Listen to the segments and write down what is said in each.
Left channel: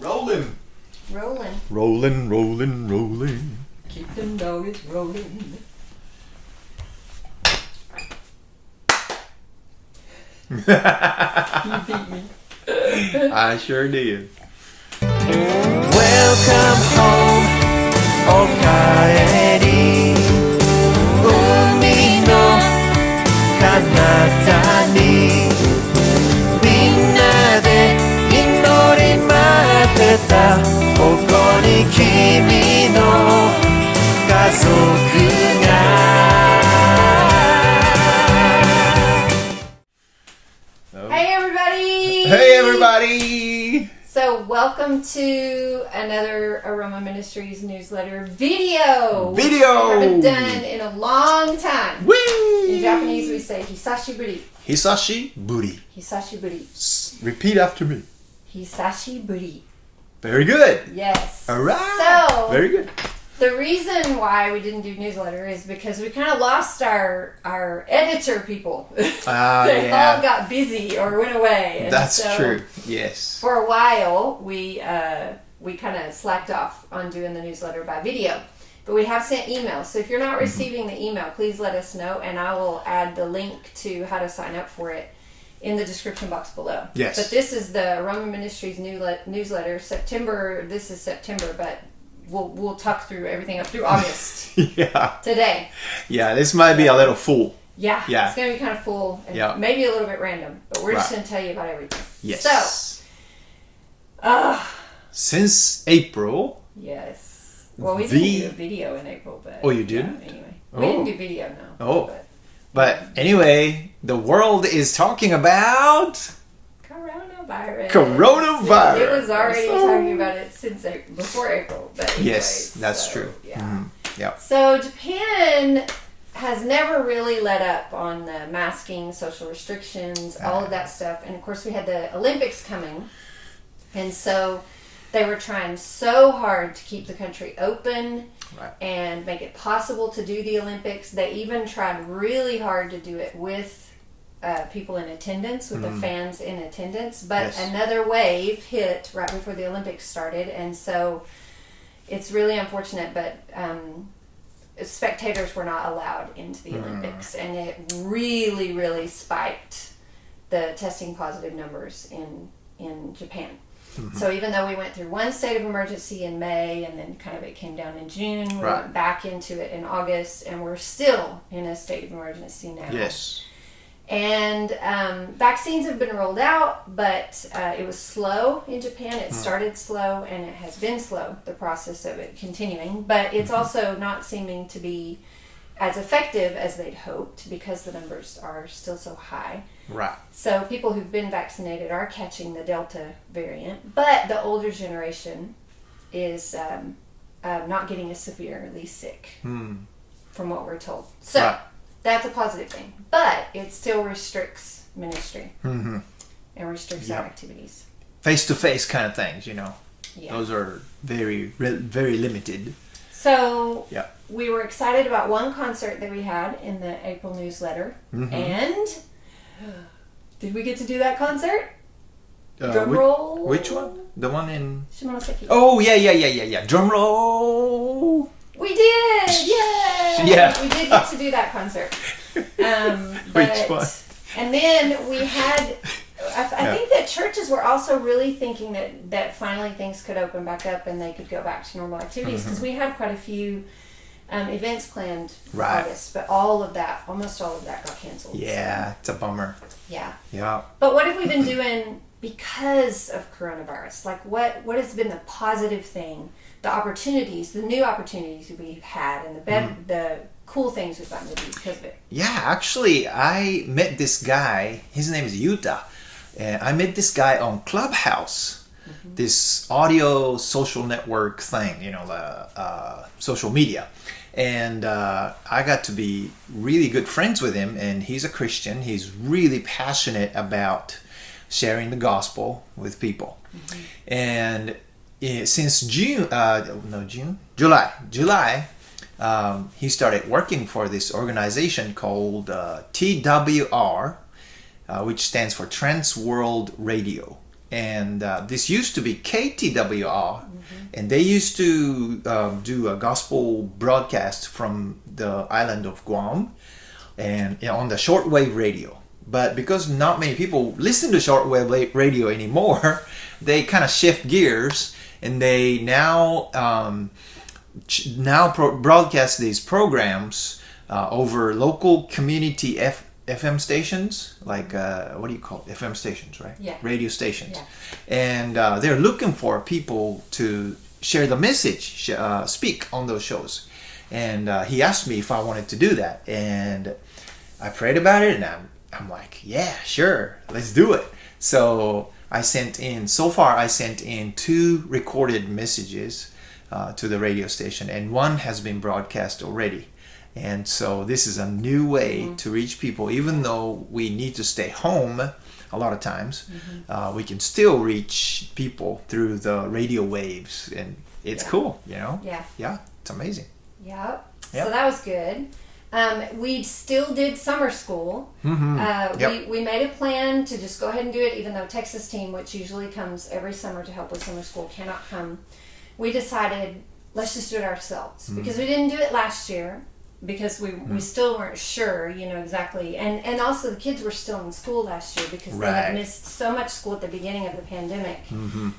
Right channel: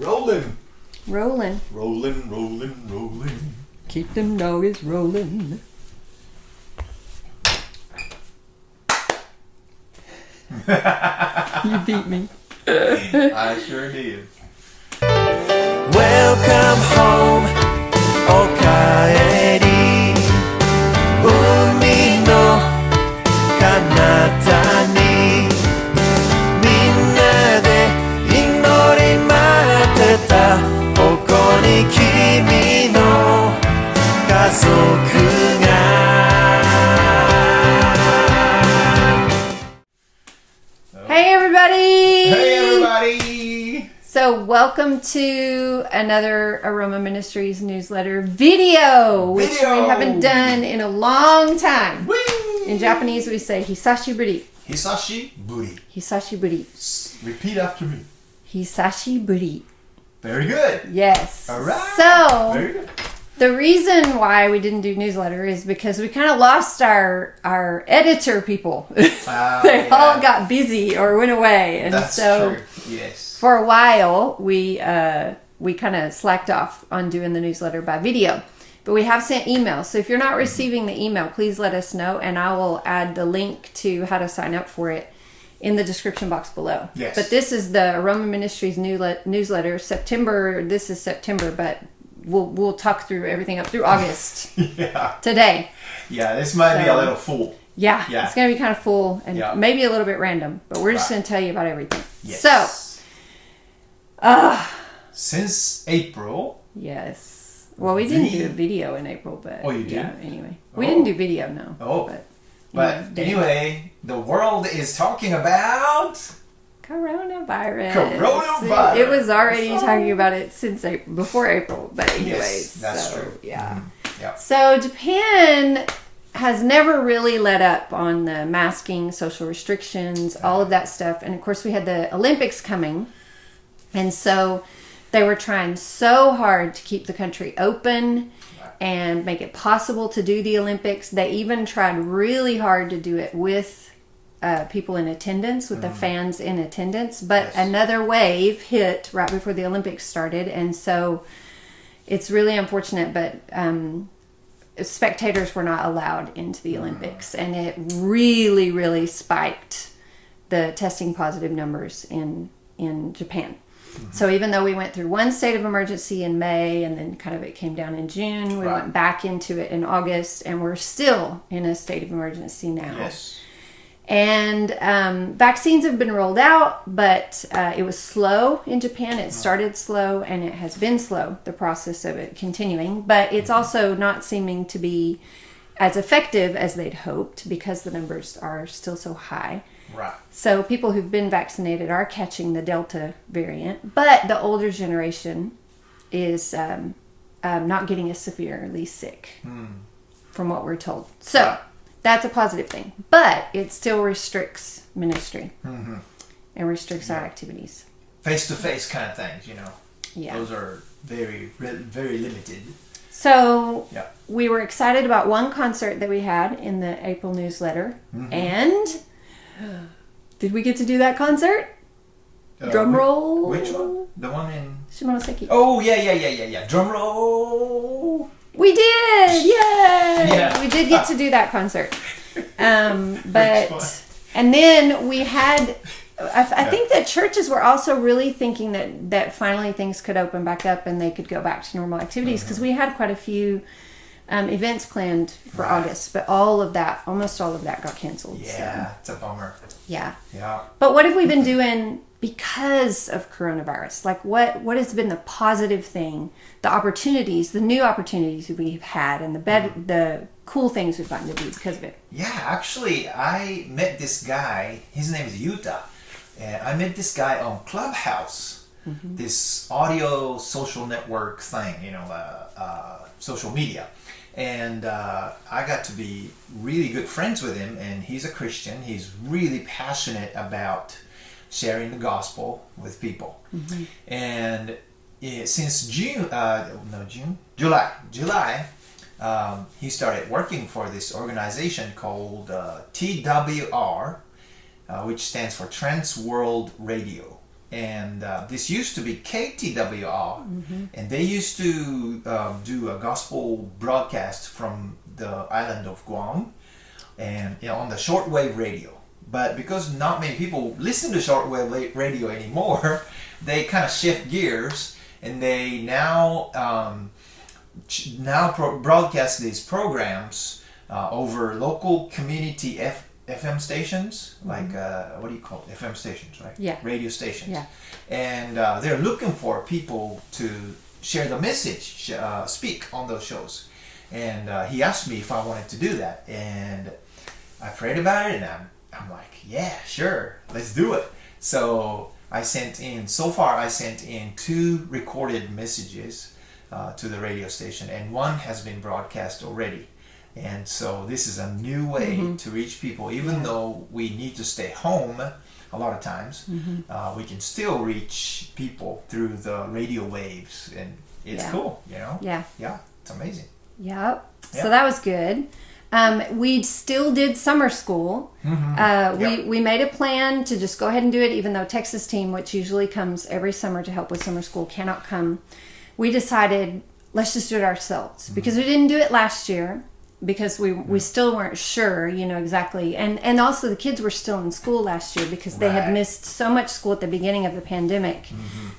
Rolling. Rolling. Rolling, rolling, rolling. Keep them doggies rolling. You beat me. I sure did. Welcome home, Okaeri. Umi no kanata ni minna de inori matte ta koko ni kimi no kazoku ga. Hey everybody! Hey everybody! So welcome to another Aroma Ministries newsletter video. Which Video! we haven't done in a long time. Whee! In Japanese we say Hisashiburi. Hisashiburi. Hisashiburi. Repeat after me. Hisashiburi. Very good. Yes. Alright. So Very good. the reason why we didn't do newsletter is because we kind of lost our editor people. They all got busy or went away. And That's so true. Yes. For a while, we kind of slacked off on doing the newsletter by video. But we have sent emails. So if you're not receiving the email, please let us know. And I will add the link to how to sign up for it in the description box below. Yes. But this is the Aroma Ministries newsletter. September, this is September, but we'll talk through everything up through August. Yeah. Today. Yeah, this might be a little full. Yeah. Yeah. It's going to be kind of full and maybe a little bit random. But we're just Right. going to tell you about everything. Yes. So, since April. yes. Well, we didn't do a video in April, but... Oh, you did? Yeah, anyway. We didn't do video, no. Oh. But anyway, the world is talking about... Coronavirus. Coronavirus. It was already talking about it since April, before April, but anyways. Yes, that's true. Yeah. Mm-hmm. Yeah. So Japan has never really let up on the masking, social restrictions, all of that stuff. And of course we had the Olympics coming. And so they were trying so hard to keep the country open and make it possible to do the Olympics. They even tried really hard to do it with people in attendance, with the fans in attendance. But another wave hit right before the Olympics started. And so it's really unfortunate, but spectators were not allowed into the Olympics. And it really, really spiked the testing positive numbers in Japan. So even though we went through one state of emergency in May and then kind of it came down in June, we went back into it in August, and we're still in a state of emergency now. Yes. And vaccines have been rolled out, but it was slow in Japan. It started slow, and it has been slow, the process of it continuing. But it's also not seeming to be as effective as they'd hoped because the numbers are still so high. Right. So people who've been vaccinated are catching the Delta variant, but the older generation is not getting as severely sick, from what we're told. So that's a positive thing, but it still restricts ministry and restricts our activities. Face-to-face kind of things, you know. Yeah. Those are very, very limited. So we were excited about one concert that we had in the April newsletter, and did we get to do that concert? Drum roll. Which one? The one in Shimonoseki. Oh yeah. Drum roll. We did! Yay! Yeah. We did get to do that concert. But fun. and then we had I think that churches were also really thinking that finally things could open back up and they could go back to normal activities, because we had quite a few events planned for August, but almost all of that got canceled. Yeah, it's a bummer. Yeah. Yeah. But what have we been doing because of coronavirus? Like what has been the positive thing, the opportunities, the new opportunities we've had, and the cool things we've gotten to do because of it? Yeah, actually, I met this guy. His name is Yuta. I met this guy on Clubhouse, this audio social network thing, you know, social media. And I got to be really good friends with him, and he's a Christian. He's really passionate about sharing the gospel with people. And since July, he started working for this organization called TWR, which stands for Trans World Radio. and this used to be KTWR, and they used to do a gospel broadcast from the island of Guam, and on the shortwave radio. But because not many people listen to shortwave radio anymore, they kind of shift gears, and they now broadcast these programs over local community FM stations, like what do you call it? FM stations, right? Yeah. Radio stations. Yeah. And they're looking for people to share the message, speak on those shows. And he asked me if I wanted to do that, and I prayed about it, and I'm like, yeah, sure, let's do it. So I sent in 2 recorded messages to the radio station, and one has been broadcast already. And so this is a new way to reach people. Even though we need to stay home a lot of times, we can still reach people through the radio waves, and it's cool, you know? Yeah. Yeah, it's amazing. Yep. Yep. So that was good. We still did summer school. We made a plan to just go ahead and do it, even though Texas team, which usually comes every summer to help with summer school, cannot come. We decided, let's just do it ourselves, because we didn't do it last year, because we still weren't sure, exactly. And also the kids were still in school last year, because they had missed so much school at the beginning of the pandemic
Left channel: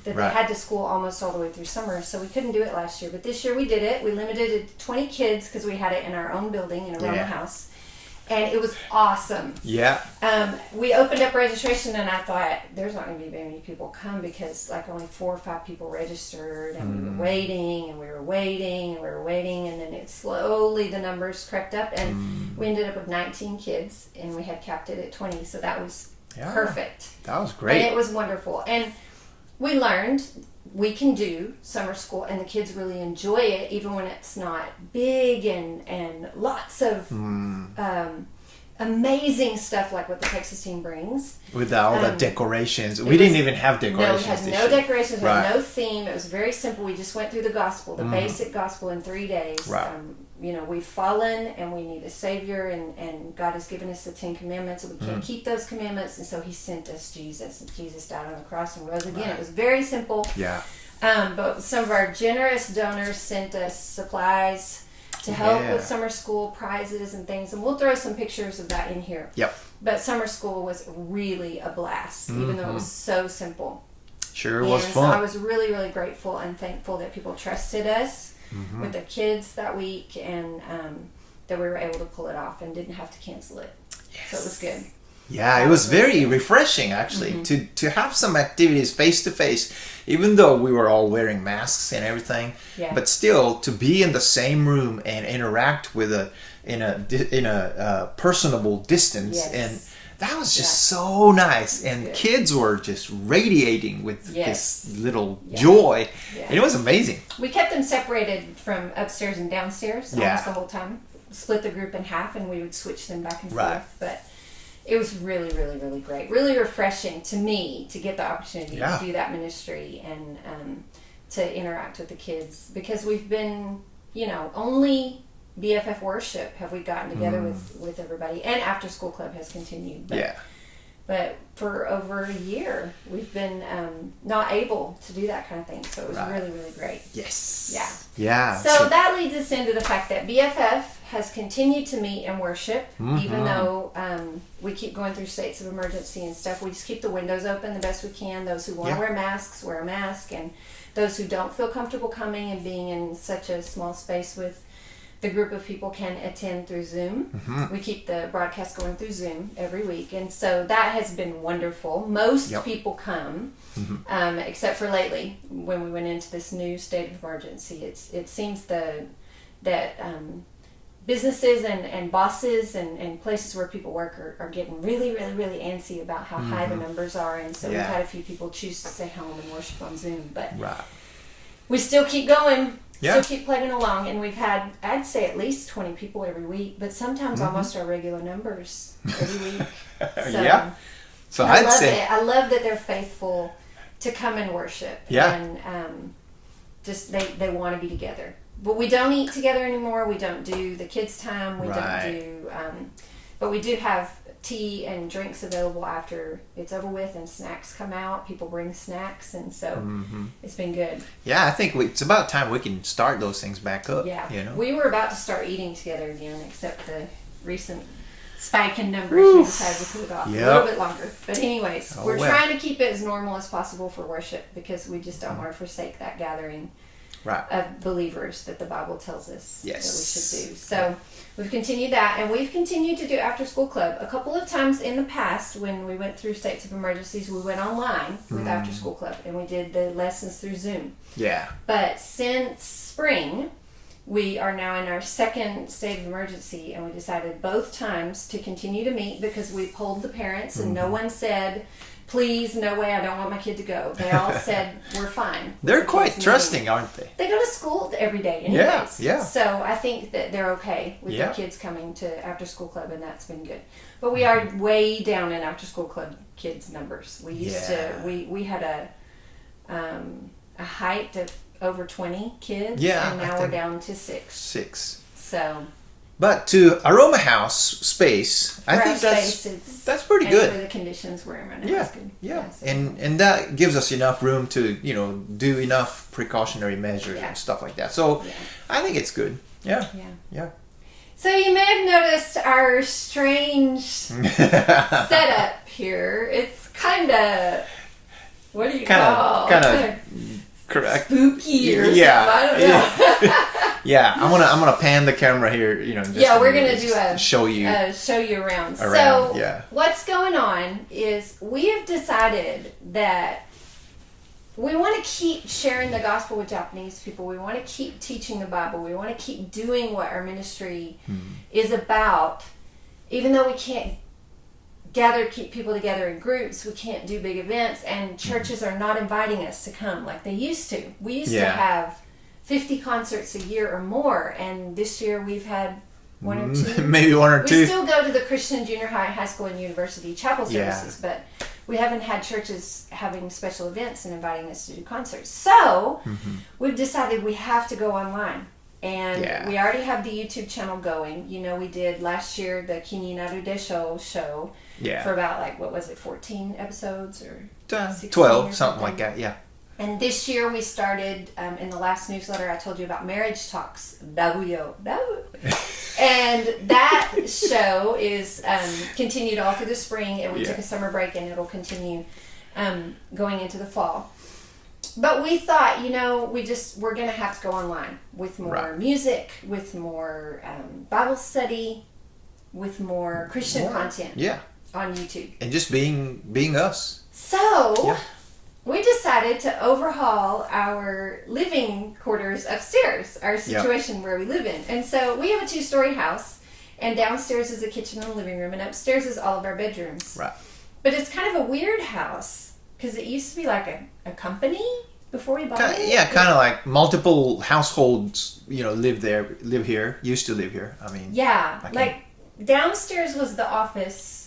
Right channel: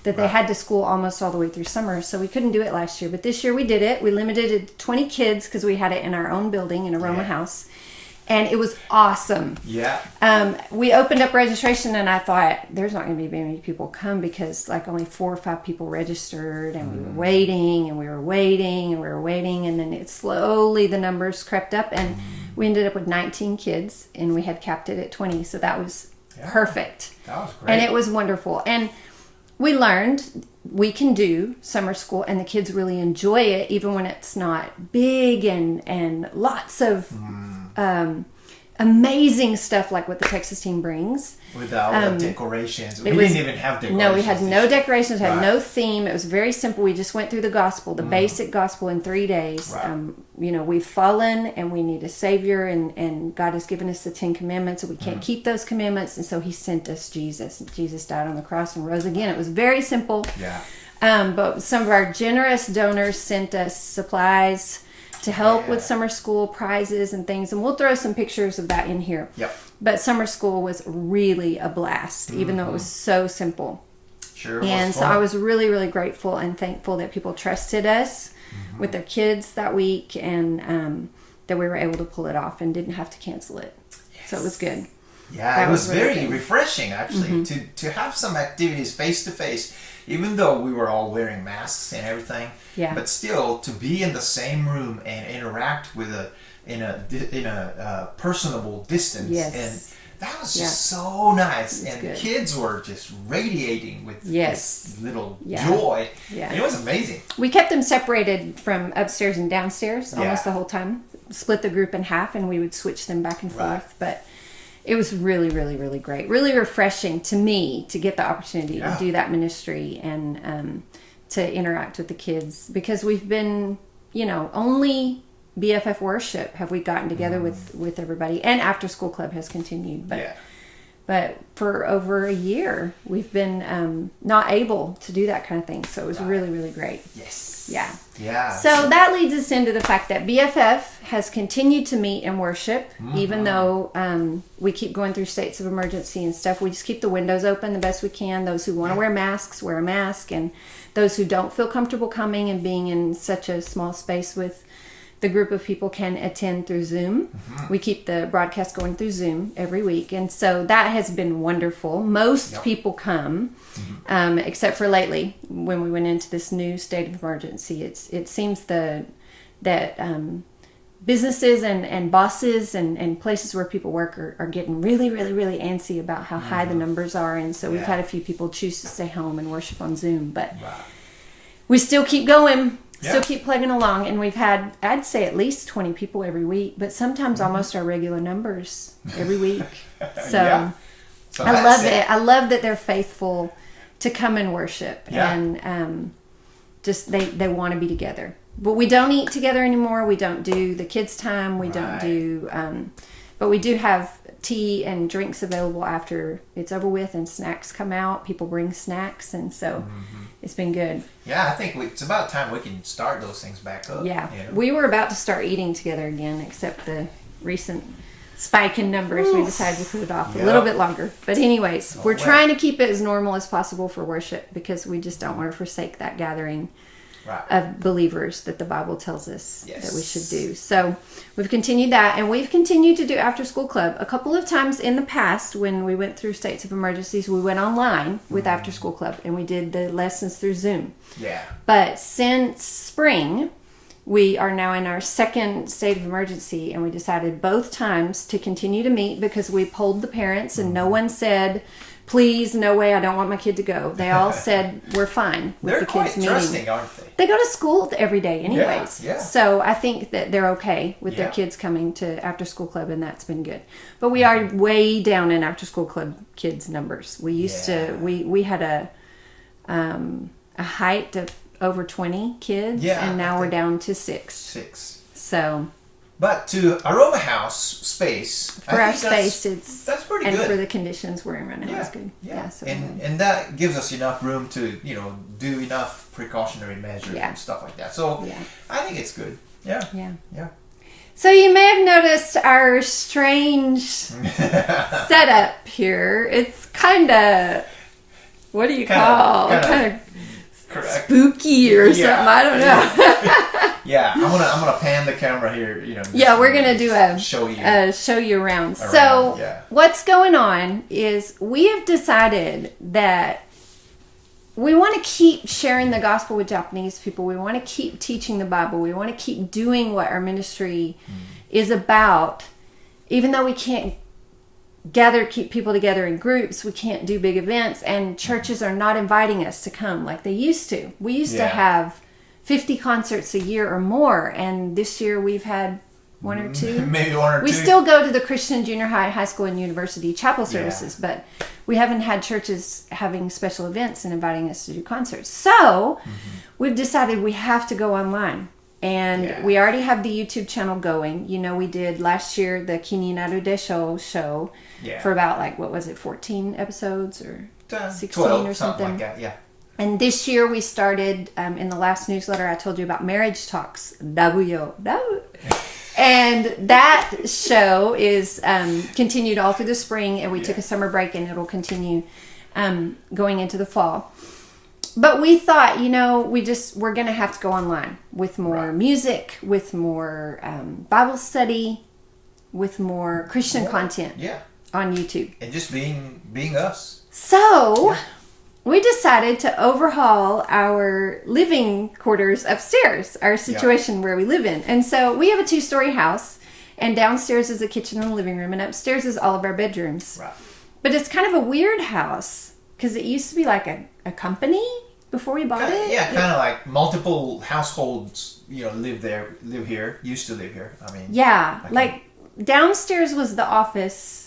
that they had to school almost all the way through summer. So we couldn't do it last year. But this year we did it. We limited it to 20 kids because we had it in our own building in Aroma House. And it was awesome. Yeah. We opened up registration, and I thought there's not going to be very many people come, because like only 4 or 5 people registered, and we were waiting, and we were waiting, and we were waiting, and then the numbers crept up, and we ended up with 19 kids, and we had capped it at 20, so that was perfect. That was great. And it was wonderful. And we learned we can do summer school, and the kids really enjoy it, even when it's not big and lots of amazing stuff like what the Texas team brings. With all the decorations. We didn't even have decorations. No, we had no decorations, had no theme. It was very simple. We just went through the gospel, the basic gospel in 3 days. Right. We've fallen, and we need a Savior, and God has given us the 10 Commandments, and we can't keep those commandments, and so He sent us Jesus. And Jesus died on the cross and rose again. It was very simple. Yeah. But some of our generous donors sent us supplies to help with summer school, prizes and things, and we'll throw some pictures of that in here. Yep. But summer school was really a blast, even though it was so simple. Sure was And fun. so I was really, really grateful and thankful that people trusted us with their kids that week, and that we were able to pull it off and didn't have to cancel it. So it was good. Yeah, That it was was really very good. refreshing, actually, to have some activities face to face, even though we were all wearing masks and everything. Yeah. But still, to be in the same room and interact with in a personable distance, Yes. and that was just so nice. And good. kids were just radiating with Yes. this little Yeah. joy, Yeah. and it was amazing. We kept them separated from upstairs and downstairs Yeah. almost the whole time. Split the group in half, and we would switch them back and forth. Right. But it was really, really, really great. Really refreshing to me to get the opportunity to do that ministry and to interact with the kids, because we've been, only BFF worship have we gotten together with everybody, and after school club has continued. But for over a year, we've been not able to do that kind of thing. So it was really, really great. Yes. Yeah. Yeah. So that leads us into the fact that BFF has continued to meet and worship, even though we keep going through states of emergency and stuff. We just keep the windows open the best we can. Those who want to wear masks, wear a mask. And those who don't feel comfortable coming and being in such a small space with the group of people can attend through Zoom. We keep the broadcast going through Zoom every week. And so that has been wonderful. Most people come, except for lately when we went into this new state of emergency. It seems that businesses and bosses and places where people work are getting really, really, really antsy about how high the numbers are. And so we've had a few people choose to stay home and worship on Zoom. But we still keep going. Still keep plugging along, and we've had, I'd say, at least 20 people every week, but sometimes almost our regular numbers every week. So, So I love it. I love that they're faithful to come and worship, and just they want to be together. But we don't eat together anymore. We don't do the kids' time. We don't do, but we do have tea and drinks available after it's over with, and snacks come out. People bring snacks, and so it's been good. Yeah, I think it's about time we can start those things back up. Yeah, you know? we were about to start eating together again, except the recent spike in numbers. We decided to put it off a little bit longer. But anyways, we're trying to keep it as normal as possible for worship, because we just don't want to forsake that gathering of believers that the Bible tells us that we should do. So we've continued that, and we've continued to do after school club. A couple of times in the past, when we went through states of emergencies, we went online with after school club, and we did the lessons through Zoom. Yeah. But since spring, we are now in our second state of emergency, and we decided both times to continue to meet, because we polled the parents, and no one said, please, no way, I don't want my kid to go. They all said, we're fine. They're quite trusting, aren't they? They go to school every day anyways. Yeah. So I think that they're okay with their kids coming to after school club, and that's been good. But we are way down in after school club kids numbers. We used to, we had a height of over 20 kids, and now we're down to 6. So... But to Aroma House space, I think that's pretty good. And for the conditions we're in right now, it's good. Yeah. So and that gives us enough room to, do enough precautionary measures and stuff like that. So I think it's good. Yeah. So you may have noticed our strange setup here. It's kind of, what do you call it? Kind of spooky or something. I don't know. Yeah, I'm gonna pan the camera here. We're gonna do a show you around. So what's going on is we have decided that we want to keep sharing the gospel with Japanese people. We want to keep teaching the Bible. We want to keep doing what our ministry is about, even though we can't keep people together in groups. We can't do big events, and churches are not inviting us to come like they used to. We used to have 50 concerts a year or more, and this year we've had one or two. Maybe one or two. We still go to the Christian junior high school, and university chapel services, but we haven't had churches having special events and inviting us to do concerts. So we've decided we have to go online. And we already have the YouTube channel going. We did last year the Kininaru Desho show for about 14 episodes or 16 12, or something like that, And this year we started, in the last newsletter I told you about marriage talks, Dabuyo. And that show is continued all through the spring, and we took a summer break, and it'll continue going into the fall. But we thought, we're going to have to go online with more music, with more Bible study, with more Christian content on YouTube. And just being us. So we decided to overhaul our living quarters upstairs, our situation where we live in. And so we have a 2-story house, and downstairs is a kitchen and a living room, and upstairs is all of our bedrooms. Right. But it's kind of a weird house, because it used to be like a company before we bought it. Yeah, kind of like multiple households, used to live here. I mean, like downstairs was the office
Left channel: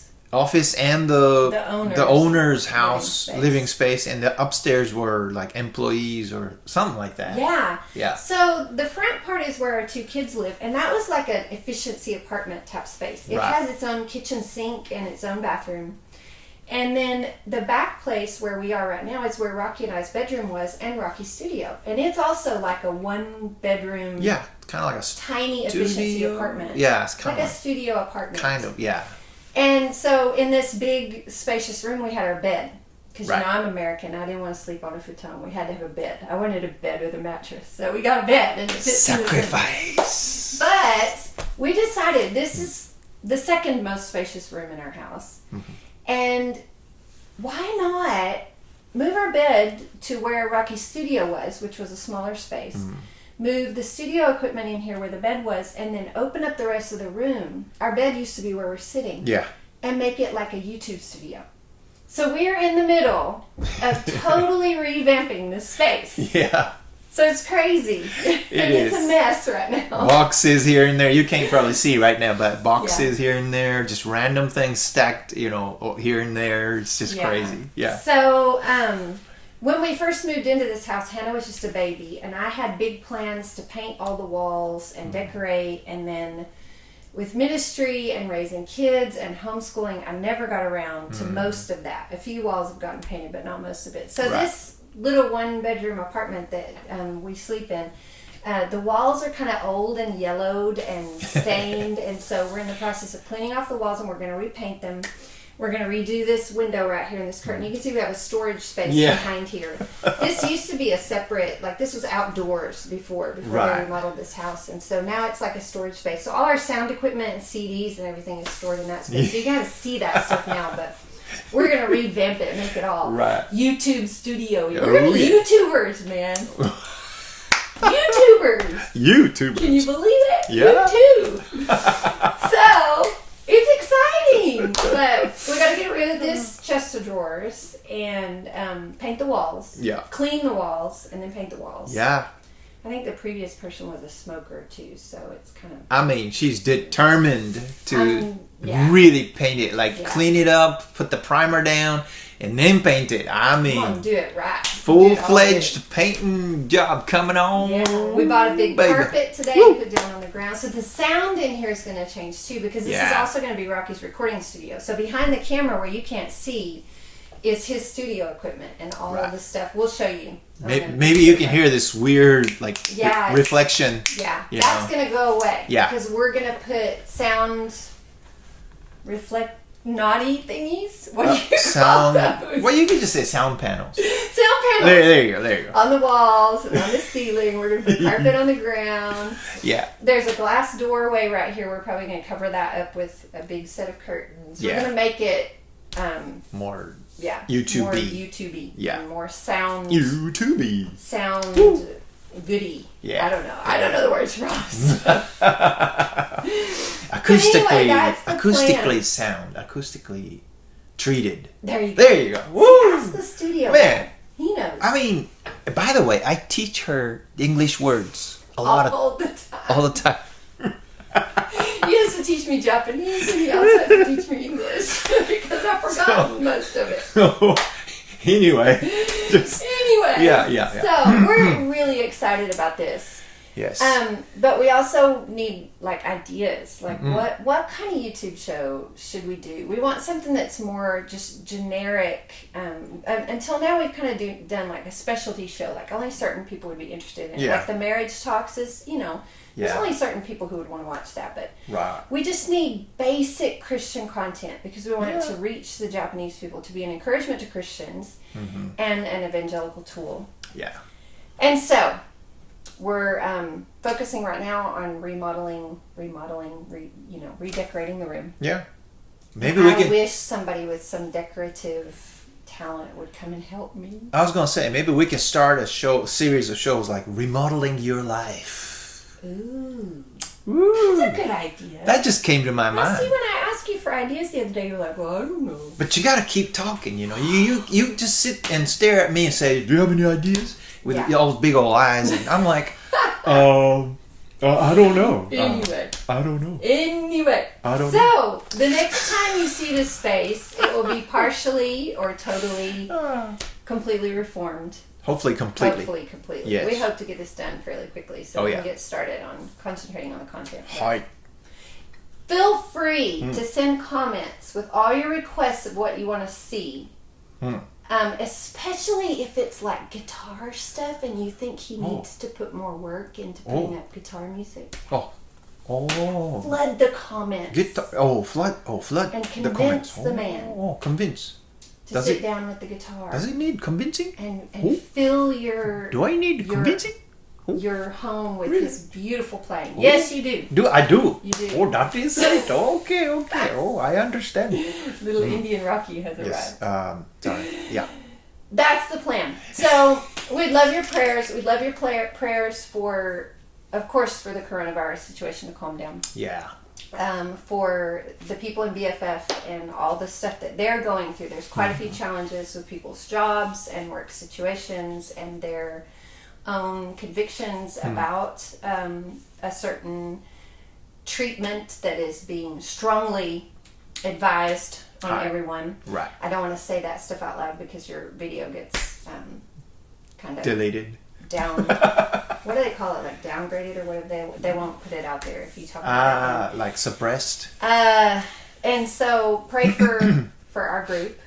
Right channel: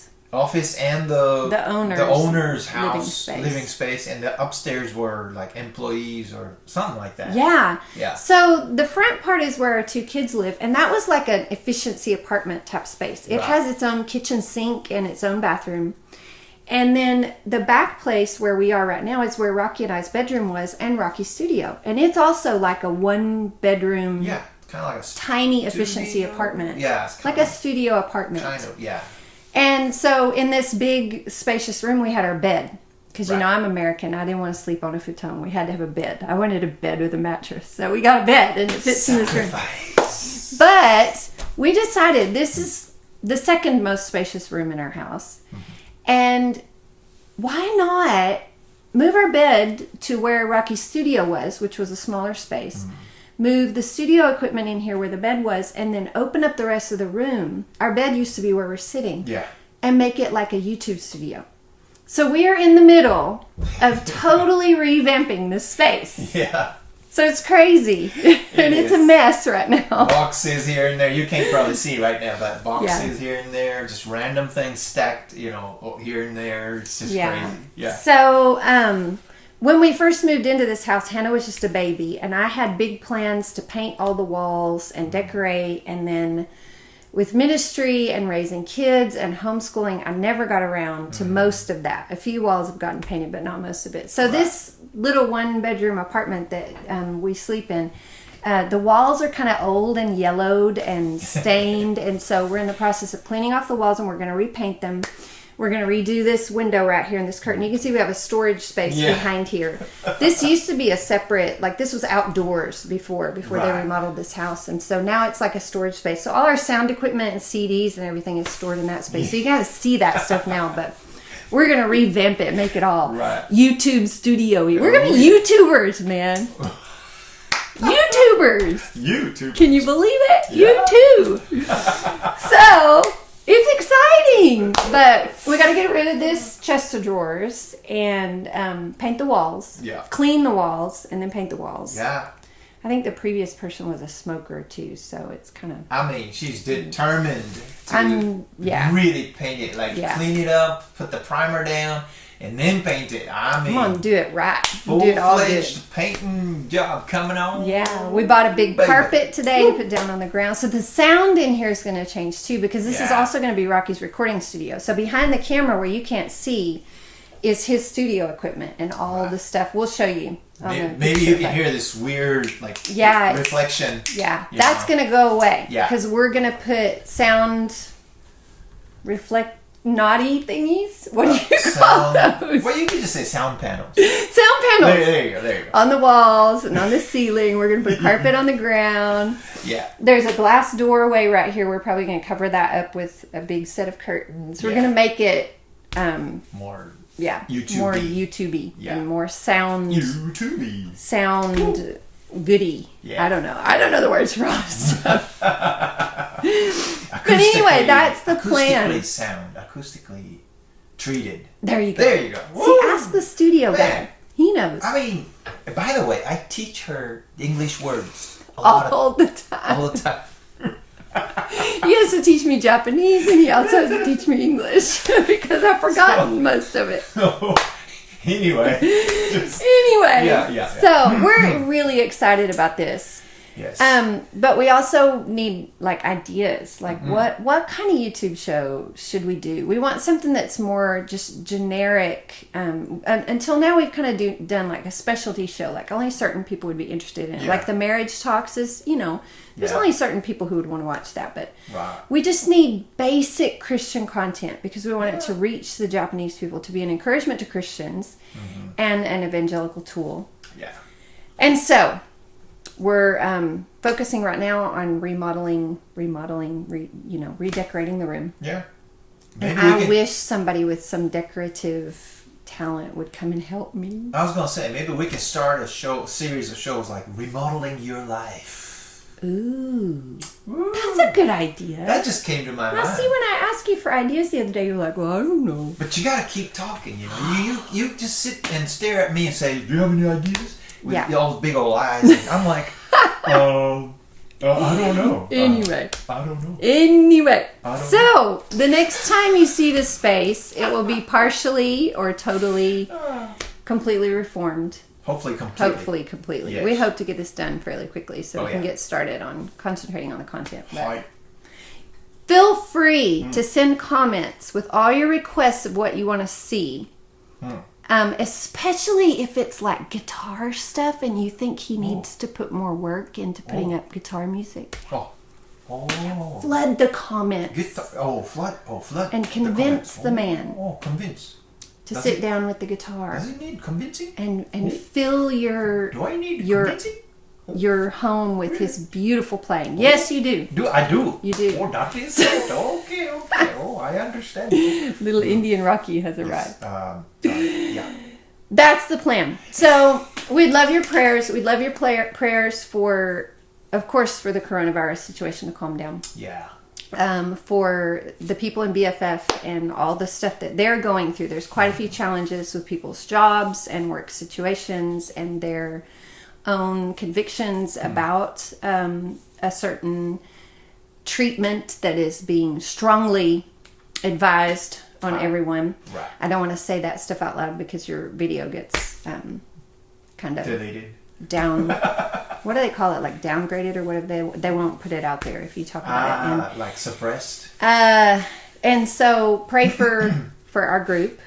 and the owner's house, living space, and the upstairs were like employees or something like that. Yeah. So the front part is where our 2 kids live, and that was like an efficiency apartment type space. It has its own kitchen sink and its own bathroom. And then the back place where we are right now is where Rocky and I's bedroom was, and Rocky's studio. And it's also like a 1-bedroom, kind of like a tiny efficiency apartment. Yeah, it's kind of like a studio apartment. Kind of, yeah. And so in this big, spacious room, we had our bed. Because, I'm American. I didn't want to sleep on a futon. We had to have a bed. I wanted a bed with a mattress. So we got a bed, and it fits in this room. Sacrifice. But we decided this is the second most spacious room in our house. And why not move our bed to where Rocky's studio was, which was a smaller space, move the studio equipment in here where the bed was, and then open up the rest of the room. Our bed used to be where we're sitting. And make it like a YouTube studio. So we are in the middle of totally revamping this space. So it's crazy. It's a mess right now. Boxes here and there. You can't probably see right now, but boxes here and there. Just random things stacked, here and there. It's just crazy. So when we first moved into this house, Hannah was just a baby. And I had big plans to paint all the walls and decorate. And then with ministry and raising kids and homeschooling, I never got around to most of that. A few walls have gotten painted, but not most of it. So this little 1-bedroom apartment that we sleep in, the walls are kind of old and yellowed and stained. And so we're in the process of cleaning off the walls, and we're going to repaint them. We're going to redo this window right here in this curtain. You can see we have a storage space behind here. This used to be a separate, like this was outdoors before they remodeled this house. And so now it's like a storage space. So all our sound equipment and CDs and everything is stored in that space. So you got to see that stuff now, but we're going to revamp it, make it all YouTube studio. We're going to be YouTubers, man. YouTubers. Can you believe it? Yeah. YouTube. So... it's exciting, but we got to get rid of this chest of drawers and paint the walls. Yeah. Clean the walls and then paint the walls. Yeah. I think the previous person was a smoker too, so it's kind of... I mean, she's determined to yeah. really paint it. Like, clean it up, put the primer down, and then paint it. I mean... Come on, do it right. Full-fledged painting job coming on. Yeah, we bought a big carpet today to put down on the ground. So the sound in here is going to change too, because this is also going to be Rocky's recording studio. So behind the camera where you can't see is his studio equipment and all of the stuff. We'll show you. Maybe you can hear this weird, like, reflection. Yeah, that's going to go away. Yeah. Because we're going to put sound naughty thingies. What do you call those? Well, you can just say sound panels. Sound panels. There you go. On the walls and on the ceiling. We're going to put carpet on the ground. Yeah. There's a glass doorway right here. We're probably going to cover that up with a big set of curtains. We're going to make it... more... YouTube-y. More YouTube-y. Yeah. More sound... YouTube-y. Sound goody. Yeah. I don't know the words for all this stuff. Acoustically, but anyway, that's the plan. Acoustically treated. There you go. Woo! See, ask the studio guy. He knows. I mean, by the way, I teach her English words all the time. He has to teach me Japanese, and he also has to teach me English because I've forgotten most of it. Anyway. Yeah. So we're really excited about this. Yes. But we also need like ideas. Like what kind of YouTube show should we do? We want something that's more just generic. Until now we've kind of done like a specialty show. Like only certain people would be interested in it. Like the marriage talks is, there's only certain people who would want to watch that. But we just need basic Christian content because we want it to reach the Japanese people, to be an encouragement to Christians and an evangelical tool. Yeah. And so we're focusing right now on redecorating the room. Yeah. Maybe I wish somebody with some decorative talent would come and help me. I was going to say, maybe we can start a series of shows like Remodeling Your Life. Ooh. That's a good idea. That just came to my mind. See, when I asked you for ideas the other day, you're like, well, I don't know. But you got to keep talking, You just sit and stare at me and say, do you have any ideas? With all those big old eyes. And I'm like, I don't know. Anyway. I don't know. Anyway. I don't know. So, the next time you see this space, it will be partially or totally, completely reformed. Hopefully completely. Yes. We hope to get this done fairly quickly so we can get started on concentrating on the content. Right. Feel free to send comments with all your requests of what you want to see. Especially if it's like guitar stuff and you think he needs to put more work into putting up guitar music. Flood the comments. Flood. And convince the man. Convince. To sit down with the guitar. Does it need convincing? And fill your... Do I need convincing? Your home with his beautiful playing. Yes, you do. I do. You do. Oh, that is it. Okay. Oh, I understand. Little Indian Rocky has arrived. Yeah. That's the plan. So we'd love your prayers. We'd love your prayers for, of course, for the coronavirus situation to calm down. Yeah. For the people in BFF and all the stuff that they're going through. There's quite a few challenges with people's jobs and work situations and their own convictions about a certain treatment that is being strongly advised on everyone. Right. I don't want to say that stuff out loud because your video gets kind of deleted. Down what do they call it? Like downgraded or whatever. They won't put it out there if you talk about it. Like suppressed. And so pray for our group.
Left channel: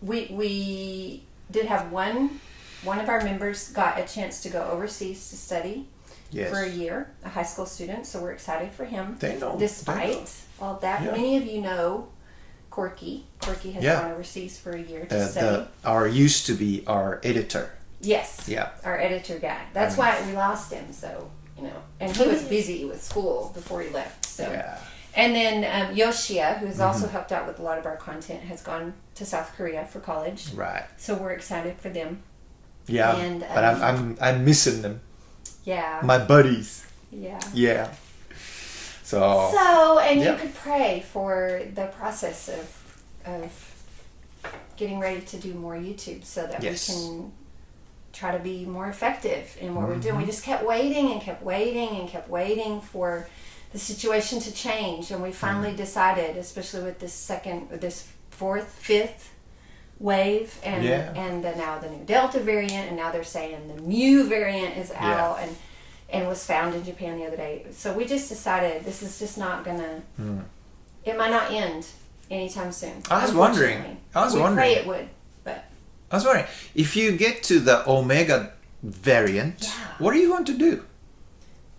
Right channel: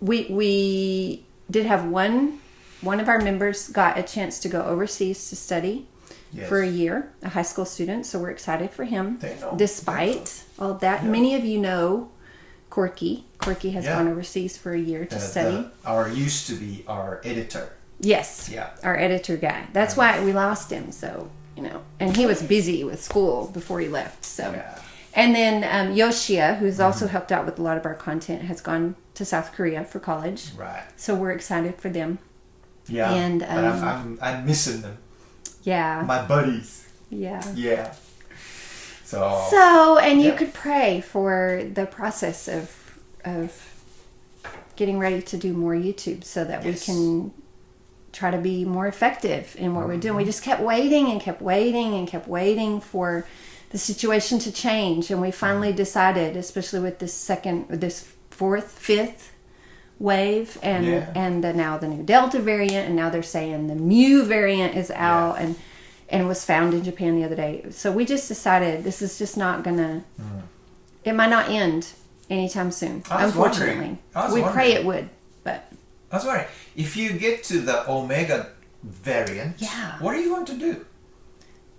We did have one of our members got a chance to go overseas to study for a year, a high school student. So we're excited for him. Despite all that, many of you know Corky. Corky has gone overseas for a year to study. Used to be our editor. Yes. Yeah. Our editor guy. That's why we lost him. So, and he was busy with school before he left. So, and then Yoshia, who's also helped out with a lot of our content, has gone to South Korea for college. Right. So we're excited for them. Yeah. And but I'm missing them. Yeah. My buddies. Yeah. Yeah. So and you could pray for the process of getting ready to do more YouTube so that we can try to be more effective in what we're doing. We just kept waiting and kept waiting and kept waiting for the situation to change, and we finally decided, especially with this fourth, fifth wave, and now the new Delta variant, and now they're saying the Mu variant is out and was found in Japan the other day. So we just decided this is just not gonna. It might not end anytime soon. I was wondering. We pray it would, but I was wondering if you get to the Omega variant. What are you going to do?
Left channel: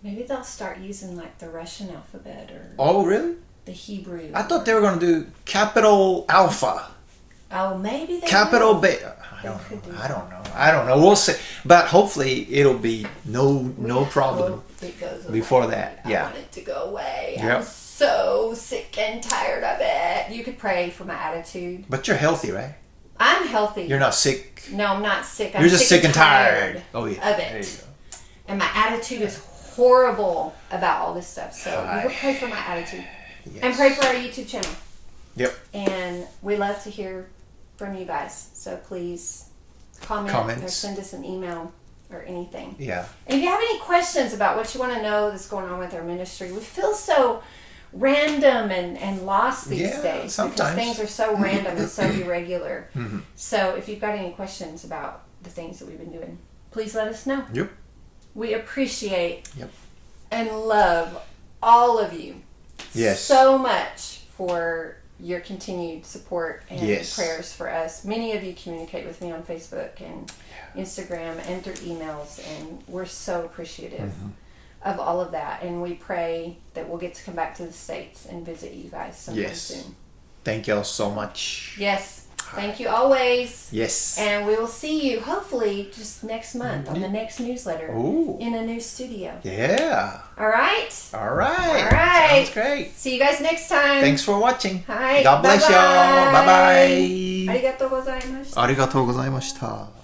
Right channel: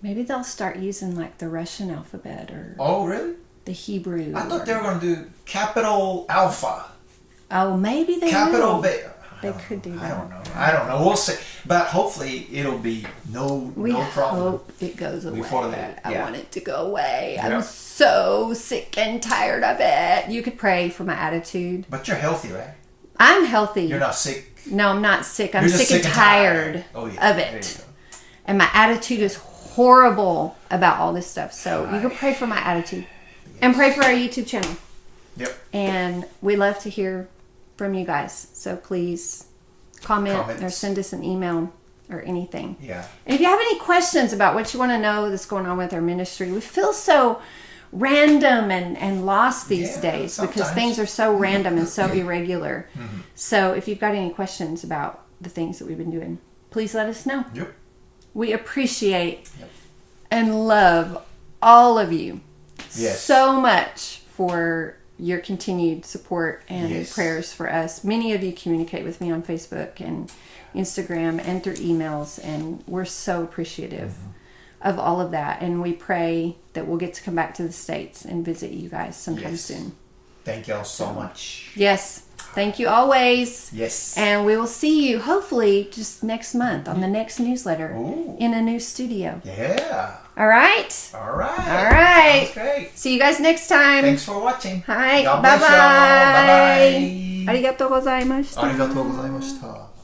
Maybe they'll start using like the Russian alphabet or. Oh, really? The Hebrew. I thought they were going to do capital Alpha. Oh, maybe they capital will. Beta. I don't know. We'll see. But hopefully it'll be no problem. Hope it goes away. Before that. I want it to go away. Yep. I'm so sick and tired of it. You could pray for my attitude. But you're healthy, right? I'm healthy. You're not sick. No, I'm not sick. I'm You're just sick and tired of it. There you go. And my attitude is horrible about all this stuff. So you can pray for my attitude. Yes. And pray for our YouTube channel. Yep. And we love to hear from you guys. So please comment or send us an email or anything. Yeah. And if you have any questions about what you want to know that's going on with our ministry, we feel so random and lost these days sometimes. Because things are so random and so irregular. So if you've got any questions about the things that we've been doing, please let us know. Yep. We appreciate and love all of you so much for your continued support and prayers for us. Many of you communicate with me on Facebook and Instagram and through emails, and we're so appreciative of all of that. And we pray that we'll get to come back to the States and visit you guys sometime soon. Thank y'all so much. Yes. Thank you always. Yes. And we will see you hopefully just next month on the next newsletter in a new studio. Yeah. All right. All right. All right. Sounds great. See you guys next time. Thanks for watching. Hi. God bless y'all. Bye bye. ありがとうございました。ありがとうございました。